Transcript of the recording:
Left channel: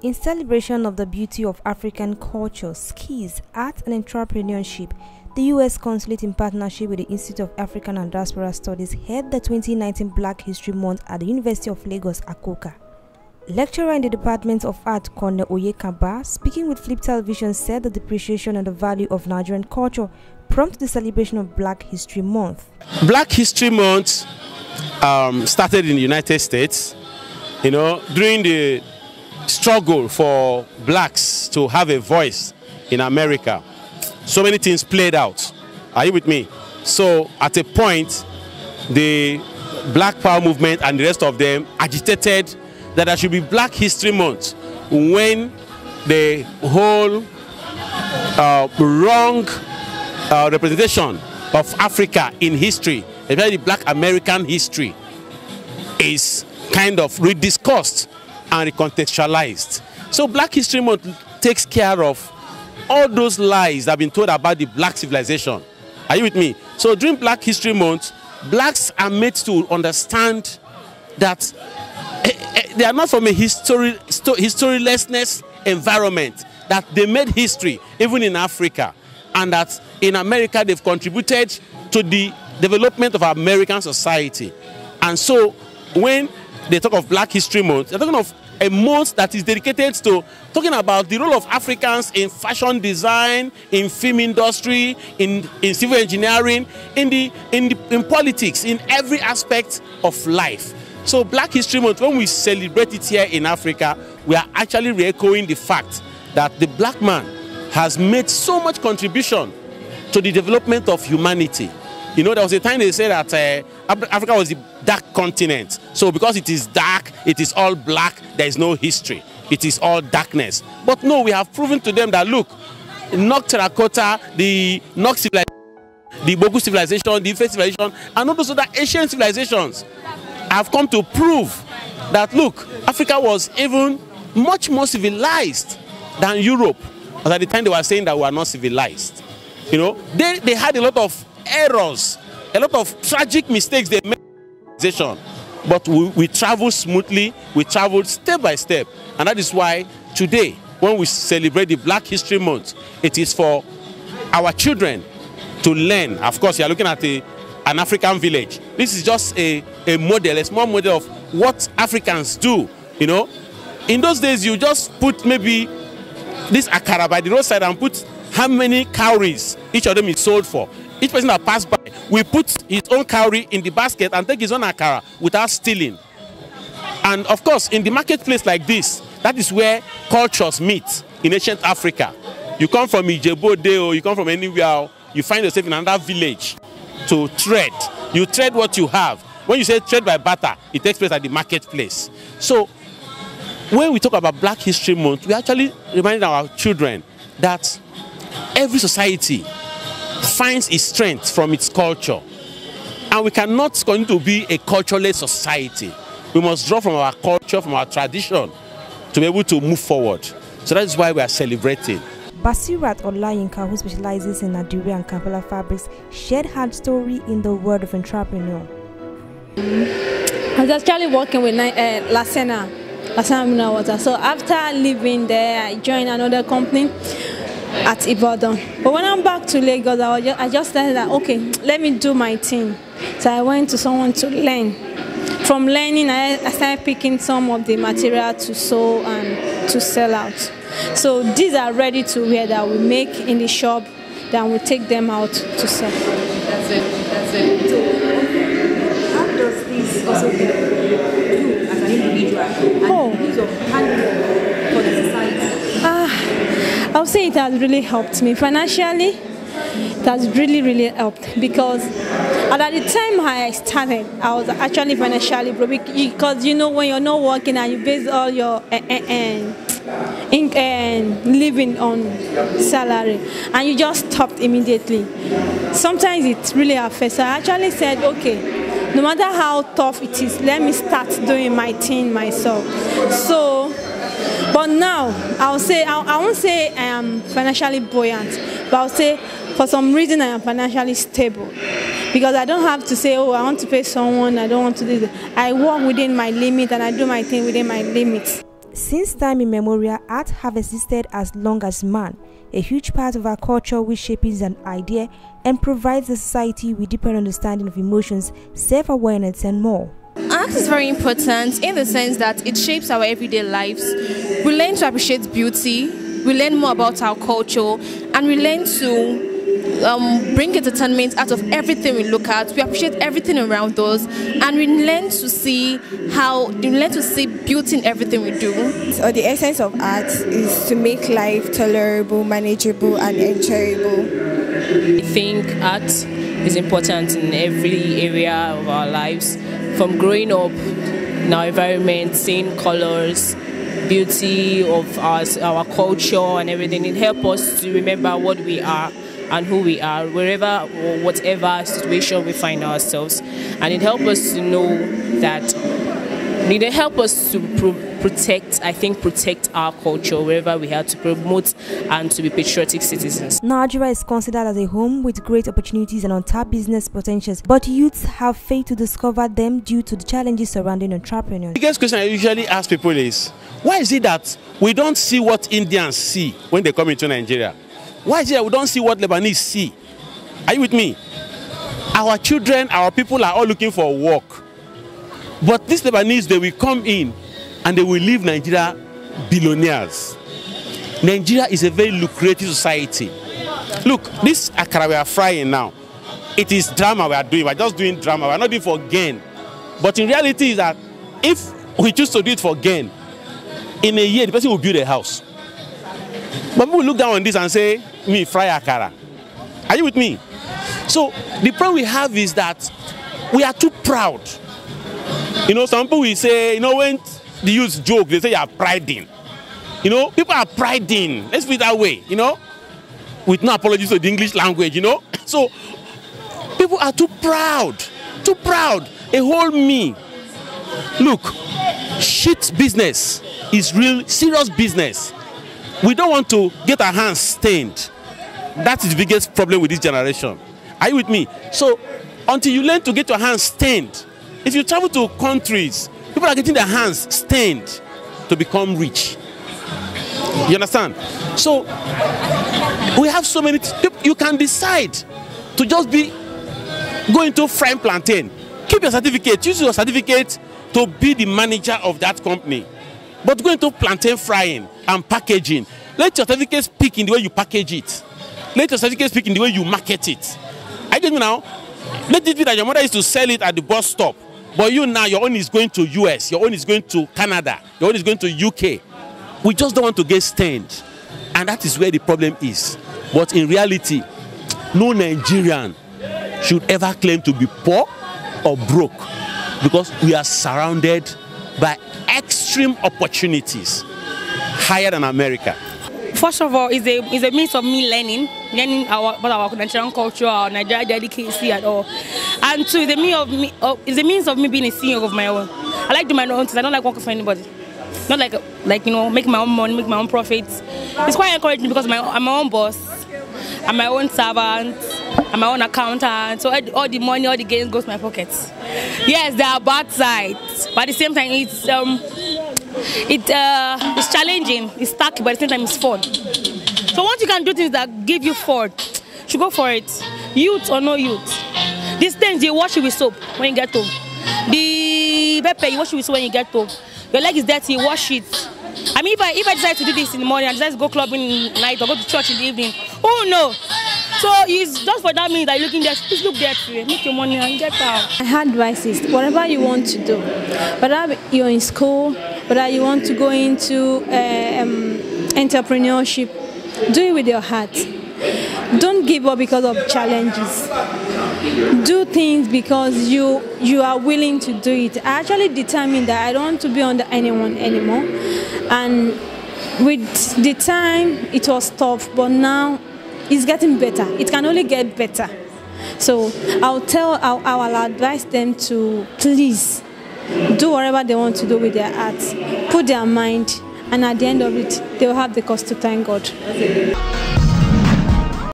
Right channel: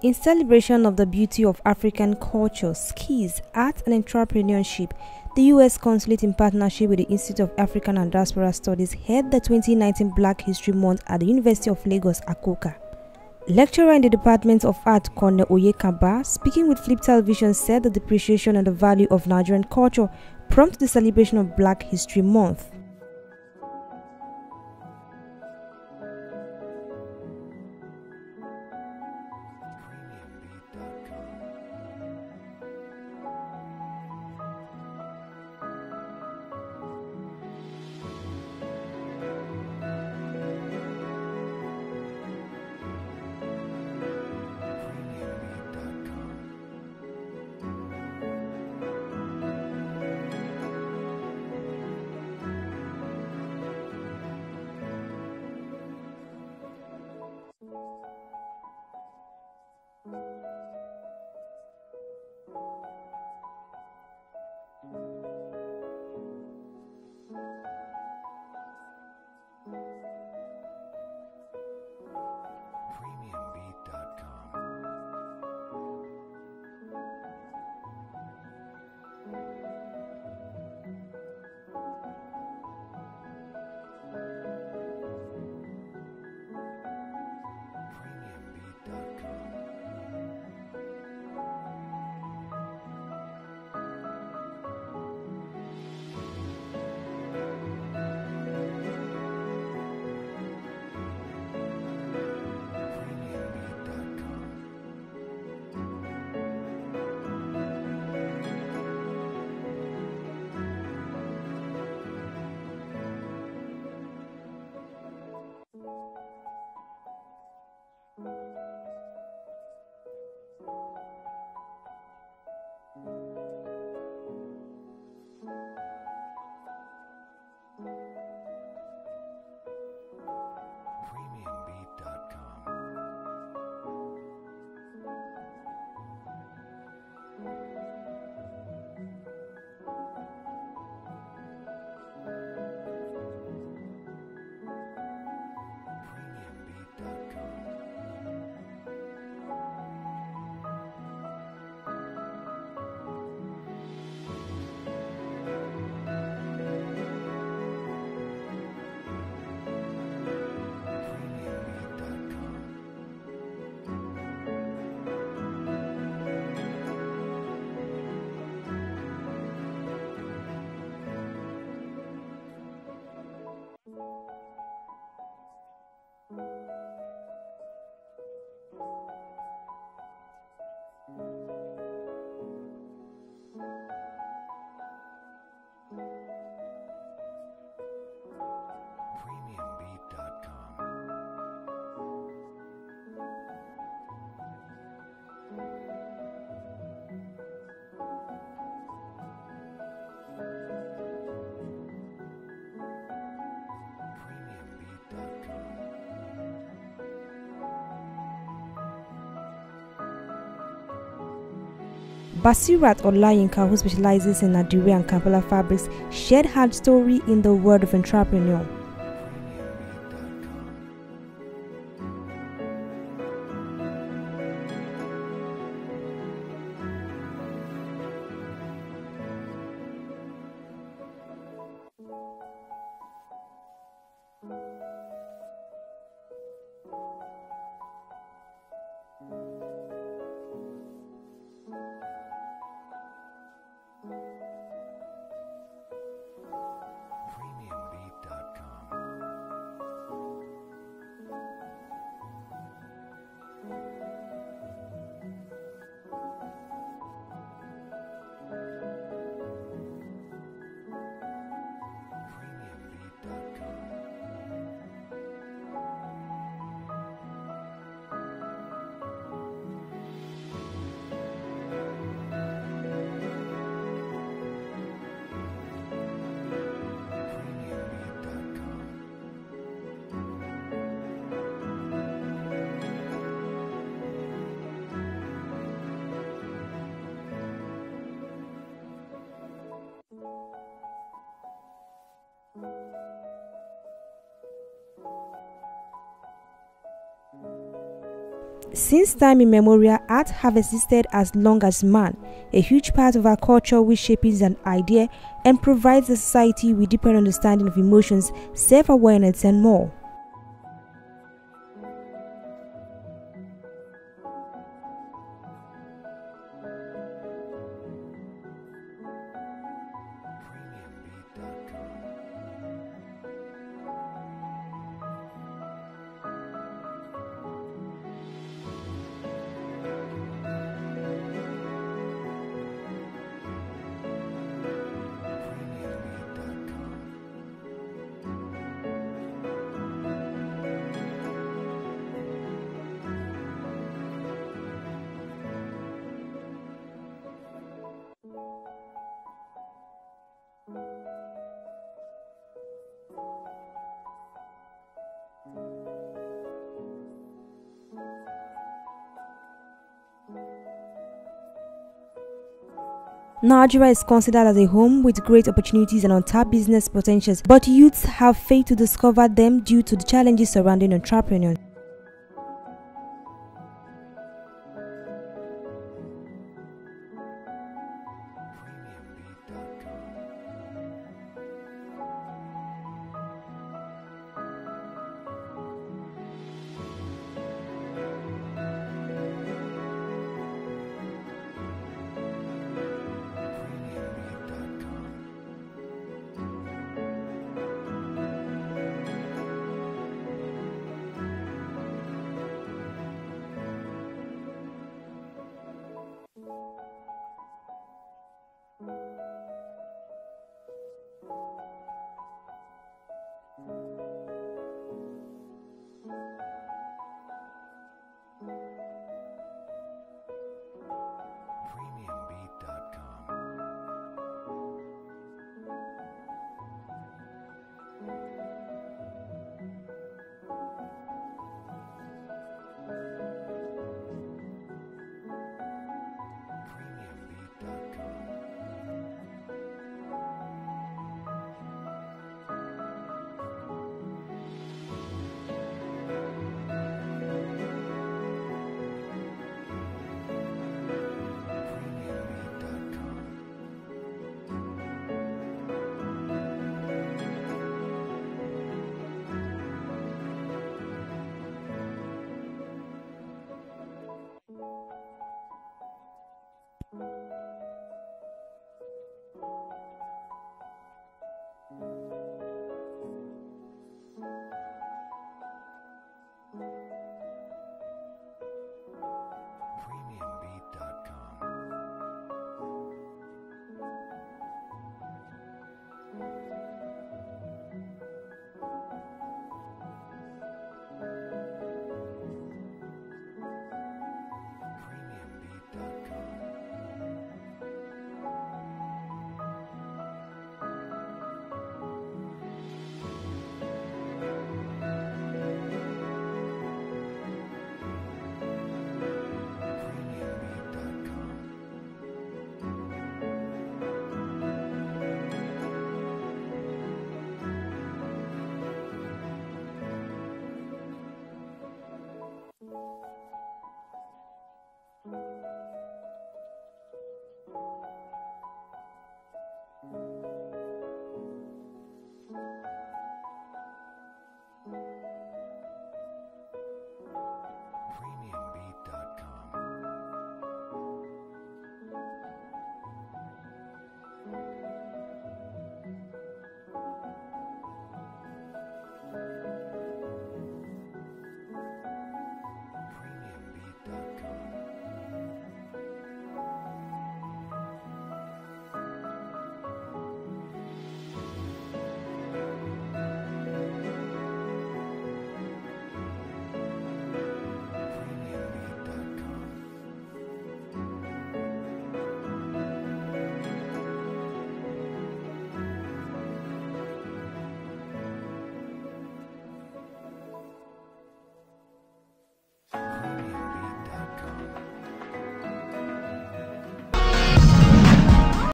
In celebration of the beauty of African culture, skills, art and entrepreneurship, the U.S. Consulate in partnership with the Institute of African and Diaspora Studies held the 2019 Black History Month at the University of Lagos, Akoka. Lecturer in the Department of Art, Corne Oyekaba, speaking with Flip Television, said the depreciation and the value of Nigerian culture prompted the celebration of Black History Month. Black History Month started in the United States, during the struggle for blacks to have a voice in America. So many things played out. Are you with me? So at a point, the Black Power movement and the rest of them agitated that there should be Black History Month when the whole wrong representation of Africa in history, especially Black American history, is kind of rediscussed and recontextualized. So Black History Month takes care of all those lies that have been told about the black civilization. Are you with me? So during Black History Month, blacks are made to understand that they are not from a historylessness environment, that they made history even in Africa, and that in America they've contributed to the development of American society. And so when they talk of Black History Month, they're talking of a month that is dedicated to talking about the role of Africans in fashion design, in film industry, in civil engineering, in politics, in every aspect of life. So Black History Month, when we celebrate it here in Africa, we are actually re-echoing the fact that the black man has made so much contribution to the development of humanity. There was a time they said that Africa was the dark continent. So because it is dark, it is all black, there is no history. It is all darkness. But no, we have proven to them that, look, Nok Terracotta, the Nok civilization, the Bogu civilization, the Ife civilization, and all those other ancient civilizations have come to prove that, look, Africa was even much more civilized than Europe. As at the time they were saying that we are not civilized. They had a lot of errors, a lot of tragic mistakes they made, but we traveled smoothly, we traveled step by step, and that is why today, when we celebrate the Black History Month, it is for our children to learn. Of course, you are looking at an African village. This is just a model, a small model of what Africans do. In those days, you just put maybe this akara by the roadside and put how many cowries each of them is sold for. Each person that passed by will put his own cowrie in the basket and take his own akara without stealing. And of course, in the marketplace like this, that is where cultures meet in ancient Africa. You come from Ijebu-Ode, or you come from anywhere, you find yourself in another village to trade. You trade what you have. When you say trade by barter, it takes place at the marketplace. So when we talk about Black History Month, we actually remind our children that every society finds its strength from its culture, and we cannot continue to be a cultureless society. We must draw from our culture, from our tradition, to be able to move forward. So that is why we are celebrating. Basirat Olayinka, who specializes in Adire and Kampala fabrics, shared her story in the world of entrepreneur. I was actually working with Lasena Mineral Water. So after leaving there, I joined another company at Ibadan. But when I'm back to Lagos, I just said that, okay, let me do my thing. So I went to someone to learn. From learning, I started picking some of the material to sew and to sell out. So these are ready to wear that we make in the shop, then we take them out to sell. That's it. So how does this also help you as an individual and the use of handwork for the society? I would say it has really helped me financially. It has really helped, because at the time I started, I was actually financially broke, because when you're not working and you base all your living on salary, and you just stopped immediately. Sometimes it really affects. So I actually said, okay, no matter how tough it is, let me start doing my thing myself. So. But now, I won't say I am financially buoyant, but I'll say for some reason I am financially stable. Because I don't have to say, oh, I want to pay someone, I don't want to do that. I work within my limit and I do my thing within my limits. Since time immemorial, art have existed as long as man, a huge part of our culture which shapes an idea and provides the society with deeper understanding of emotions, self-awareness and more. Art is very important in the sense that it shapes our everyday lives. We learn to appreciate beauty, we learn more about our culture, and we learn to bring entertainment out of everything we look at. We appreciate everything around us, and we learn to see beauty in everything we do. So the essence of art is to make life tolerable, manageable, and enjoyable. I think art is important in every area of our lives. From growing up in our environment, seeing colors, beauty of our culture and everything, it helps us to remember what we are and who we are, wherever or whatever situation we find ourselves. And it helps us to know that, it helps us to protect our culture wherever we have to promote and to be patriotic citizens. Nigeria is considered as a home with great opportunities and untapped business potentials, but youths have failed to discover them due to the challenges surrounding entrepreneurship. The biggest question I usually ask people is, why is it that we don't see what Indians see when they come into Nigeria? Why is it that we don't see what Lebanese see? Are you with me? Our children, our people are all looking for work. But these Lebanese, they will come in and they will leave Nigeria billionaires. Nigeria is a very lucrative society. Look, this akara we are frying now, it is drama we are doing. We are just doing drama. We are not doing it for gain. But in reality is that if we choose to do it for gain, in a year, the person will build a house. But people will look down on this and say, me, fry akara. Are you with me? So the problem we have is that we are too proud. You know, some people will say, you know, when they use joke, they say you are priding. You know, people are priding. Let's put it that way, you know, with no apologies to the English language, you know. So people are too proud, a whole me. Look, shit business is real serious business. We don't want to get our hands stained. That is the biggest problem with this generation. Are you with me? So until you learn to get your hands stained, if you travel to countries, people are getting their hands stained to become rich. You understand? So we have so many people. You can decide to just go into frying plantain. Keep your certificate. Use your certificate to be the manager of that company. But go into plantain frying and packaging. Let your certificate speak in the way you package it. Let your certificate speak in the way you market it. I get you now. Let it be that your mother used to sell it at the bus stop. But you now, your own is going to US, your own is going to Canada, your own is going to UK. We just don't want to get stained. And that is where the problem is. But in reality, no Nigerian should ever claim to be poor or broke, because we are surrounded by extreme opportunities higher than America. First of all, it's a means of me learning about our Nigerian culture, our Nigerian delicacy and all. And two, it's a means of me being a CEO of my own. I like to do my own things. I don't like working for anybody. Not like you know, making my own money, make my own profits. It's quite encouraging because I'm my own boss, I'm my own servant, I'm my own accountant. So all the money, all the gains goes to my pockets. Yes, there are bad sides, but at the same time, it's challenging, it's tacky, but at the same time it's fun. So once you can do things that give you fun, you should go for it. Youth or no youth. These things, you wash it with soap when you get home. The pepper, you wash it with soap when you get home. Your leg is dirty, you wash it. I mean, if I decide to do this in the morning, I decide to go clubbing in the night or go to church in the evening, oh no. So it's just for that minute that you're looking there, please look there to make your money and get out. My advice is, whatever you want to do, whether you're in school, whether you want to go into entrepreneurship, do it with your heart. Don't give up because of challenges. Do things because you are willing to do it. I actually determined that I don't want to be under anyone anymore. And with the time, it was tough, but now it's getting better. It can only get better. So I'll advise them to please do whatever they want to do with their art, put their mind, and at the end of it, they will have the cause to thank God.